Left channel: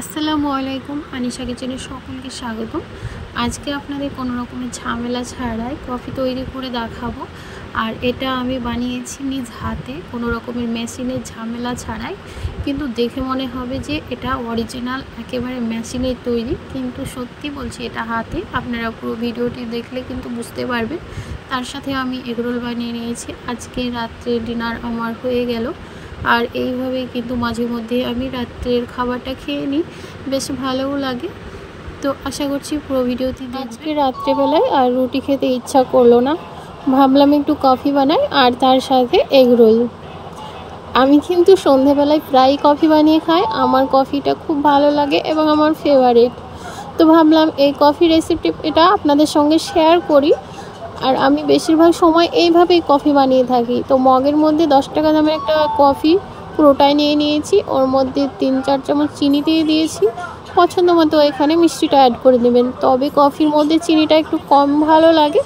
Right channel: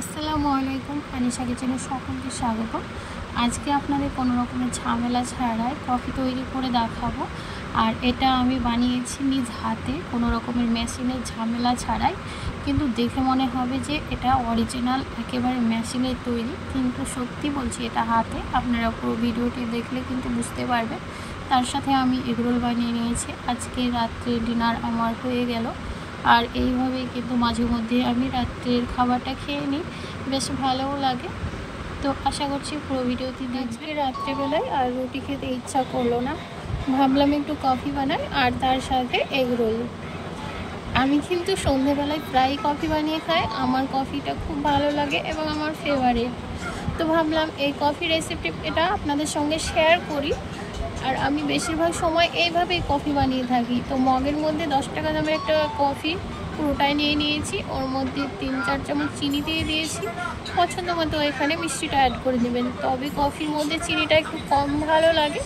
আসসালামু আলাইকুম, আনিশা কিচেনে সকলকে স্বাগত। আজকে আপনাদের কোনো রকমের ঝামেলা ছাড়াই কফি তৈরি করে দেখাবো। আর এটা আমি বানিয়েছি নিজ হাতে, কোনো রকমের মেশিনের ঝামেলা ছাড়াই। কিন্তু দেখে মনে হবে যে এটা অরিজিনাল একেবারে মেশিনের তৈরি, কিন্তু সত্যি বলছি এটা হাতে। আপনারা পুরো ভিডিওটি দেখলে কিন্তু বুঝতে পারবেন। তার সাথে আমি এগরোল বানিয়ে নিয়েছি। আজকে রাত্রে ডিনার আমার হয়ে গেল। আর এইভাবে কিন্তু মাঝে মধ্যে আমি রাত্রের খাবারটা খেয়ে নিই, বেশ ভালোও লাগে। তো আশা করছি পুরো ভিডিওটি আজকে রাত্রেবেলায় আর রুটি খেতে ইচ্ছা করলো না, ভাবলাম একটু কফি বানাই আর তার সাথে এগরোল। আমি কিন্তু সন্ধেবেলায় প্রায় কফি বানিয়ে খাই, আমার কফিটা খুব ভালো লাগে এবং আমার ফেভারিট। তো ভাবলাম এই কফি রেসিপি এটা আপনাদের সঙ্গে শেয়ার করি। আর আমি বেশিরভাগ সময় এইভাবেই কফি বানিয়ে থাকি। তো মগের মধ্যে 10 টাকা দামের একটা কফি পুরোটাই নিয়ে নিয়েছি, ওর মধ্যে 3-4 চামচ চিনি দিয়ে দিয়েছি। পছন্দ মতো এখানে মিষ্টিটা অ্যাড করে নেবেন, তবে কফির মধ্যে চিনিটা একটু কম ভালো লাগে।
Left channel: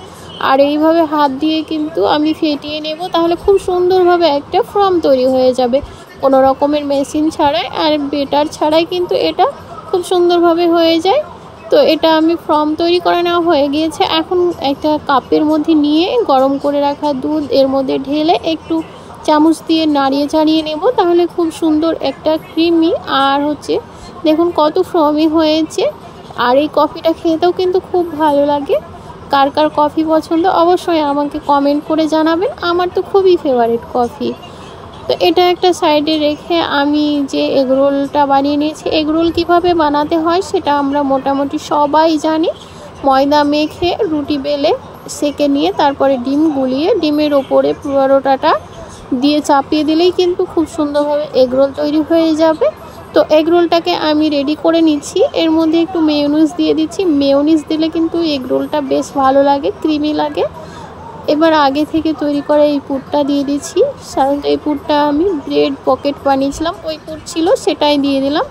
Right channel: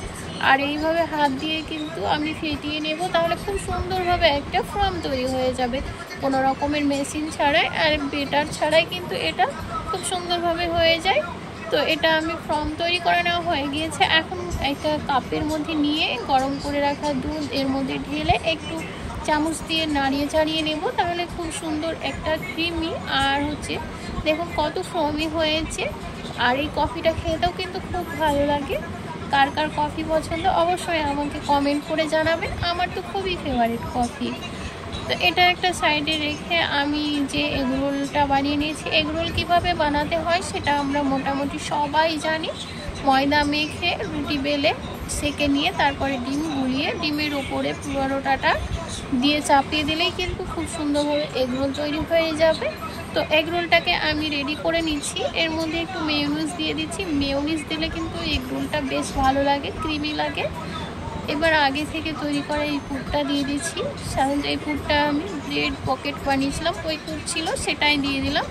আর এইভাবে হাত দিয়ে কিন্তু আমি ফেটিয়ে নেব, তাহলে খুব সুন্দরভাবে একটা ফর্ম তৈরি হয়ে যাবে, কোনো রকমের মেশিন ছাড়াই আর বেটার ছাড়াই কিন্তু এটা খুব সুন্দরভাবে হয়ে যায়। তো এটা আমি ফর্ম তৈরি করে নেওয়া হয়ে গিয়েছে। এখন একটা কাপের মধ্যে নিয়ে গরম করে রাখা দুধ এর মধ্যে ঢেলে একটু চামচ দিয়ে নাড়িয়ে চাড়িয়ে নেব, তাহলে খুব সুন্দর একটা ক্রিমি আর দেখুন কত ফর্মি হয়েছে। আর এই কফিটা খেতেও কিন্তু খুব ভালো লাগে। কার কার কফি পছন্দ অবশ্যই আমাকে কমেন্ট করে জানাবেন, আমার তো খুবই ফেভারিট কফি। তো এটা একটা সাইডে রেখে আমি যে এগরোলটা বানিয়ে নিয়েছি, এগরোল কিভাবে বানাতে হয় সেটা আমরা মোটামুটি সবাই জানি। ময়দা মেখে রুটি বেলে সেকে নিয়ে তারপরে ডিম গুলিয়ে ডিমের ওপরে পরোটাটা দিয়ে চাপিয়ে দিলেই কিন্তু খুব সুন্দরভাবে এগরোল তৈরি হয়ে যাবে। তো এগরোলটাকে আমি রেডি করে নিচ্ছি, এর মধ্যে একটু মেয়োনিজ দিয়ে দিচ্ছি। মেয়োনিজ দিলে কিন্তু এগরোলটা বেশ ভালো লাগে, ক্রিমি লাগে। এবার আগে থেকে তৈরি করা এই পুরটা দিয়ে দিচ্ছি। সাধারণত এই পুরটা আমি ব্রেড পকেট বানিয়েছিলাম, ওই পুর ছিল সেটাই দিয়ে দিলাম।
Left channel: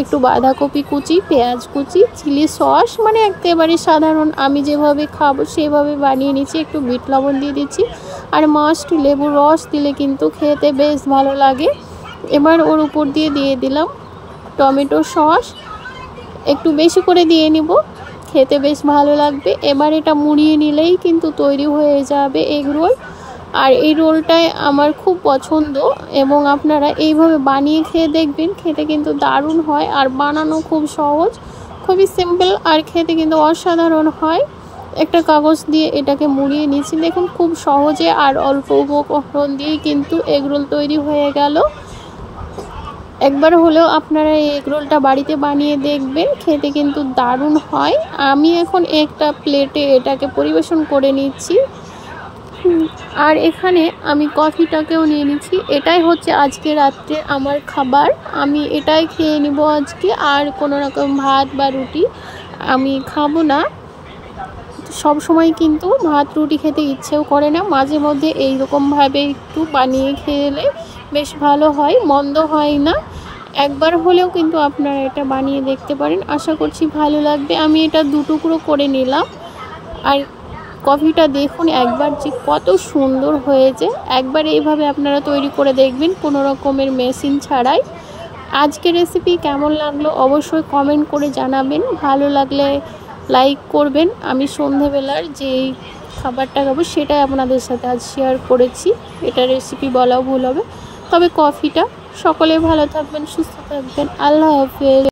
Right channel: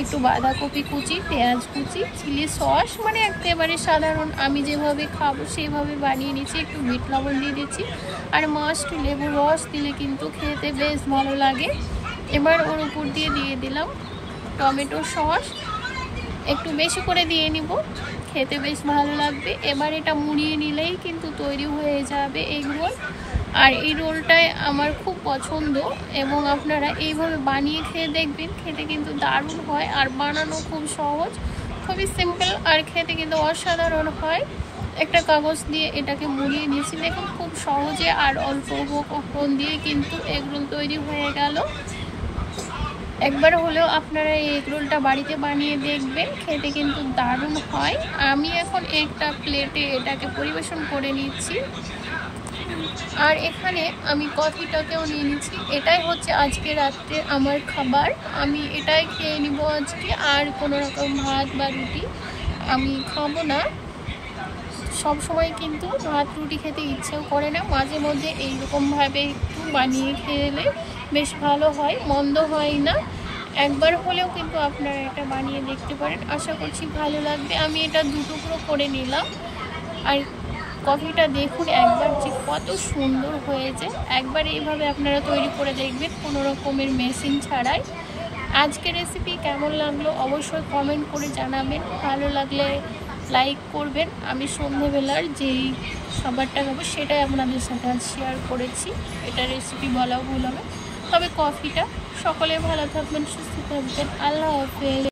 একটু বাঁধাকপি কুচি, পেঁয়াজ কুচি, চিলি সস, মানে একেবারে সাধারণ আমি যেভাবে খাবো সেভাবে বানিয়ে নিচ্ছি। একটু বিট লবণ দিয়ে দিচ্ছি, আর মাস্ট লেবুর রস দিলে কিন্তু খেতে বেশ ভালো লাগে। এবার ওর উপর দিয়ে দিলাম টমেটো সস, একটু বেশি করে দিয়ে নিব, খেতে বেশ ভালো লাগবে। এবার এটা মুড়িয়ে নিলেই কিন্তু তৈরি হয়ে যাবে এগরোল। আর এই রোলটাই আমার খুব পছন্দ এবং আপনারা এইভাবে বানিয়ে খেয়ে দেখবেন, খেতে কিন্তু দারুণ হয়। আর বানানো খুব সহজ, খুবই সিম্পল, আর খেতে কিন্তু অসাধারণ হয়। একটা কাগজ দিয়ে এটাকে মুড়িয়ে নিচ্ছি, দেখুন খুব সহজে আর অল্প উপকরণ দিয়ে কিন্তু এগরোল তৈরি হয়ে গেল। একবার হলেও আপনারা এই এগরোলটা বাড়িতে বানিয়ে দেখবেন, খেতে কিন্তু দারুণ হয়। আমি এখন একটা প্লেটে এটাকে পরিবেশন করে নিচ্ছি। আর এখানে আমি কফিটাকেও নিয়ে নিচ্ছি। এটাই হচ্ছে আজকে রাত্রে আমার খাবার, আমি এটাই খেয়ে নিব আজকে। আর কোনো রকম ভাত বা রুটি আমি খাবো না। সব সময় কিন্তু ভাত রুটি খেতে ইচ্ছেও করে না, মাঝে মধ্যে এইরকমভাবে একটু বানিয়ে খেলে বেশ ভালো হয়, মন্দ হয় না। একবার হলেও কিন্তু আপনারা এটা বানিয়ে দেখতে পারেন, আশা করছি ভালো লাগবে। আমি এটা 2 টুকরো করে নিলাম। আর কফিটা দেখুন একবার যে কত সুন্দর হয়েছে। একবার এইভাবে আপনারা তৈরি করে দেখবেন, কোনো রকমের মেশিন ছাড়াই। আজকের রেসিপি কেমন লাগলো অবশ্যই কমেন্ট করে জানাবেন, ভালো লাগলে লাইক করবেন। আমি সন্ধেবেলার যেই খাবারটা খাবো সেটাই আপনাদের সাথে আজ শেয়ার করেছি, এটা রেসিপি বলাও ভুল হবে। তবে কফিটা সকলে ভালো থাকবেন, সুস্থ থাকবেন, আল্লাহ হাফেজ।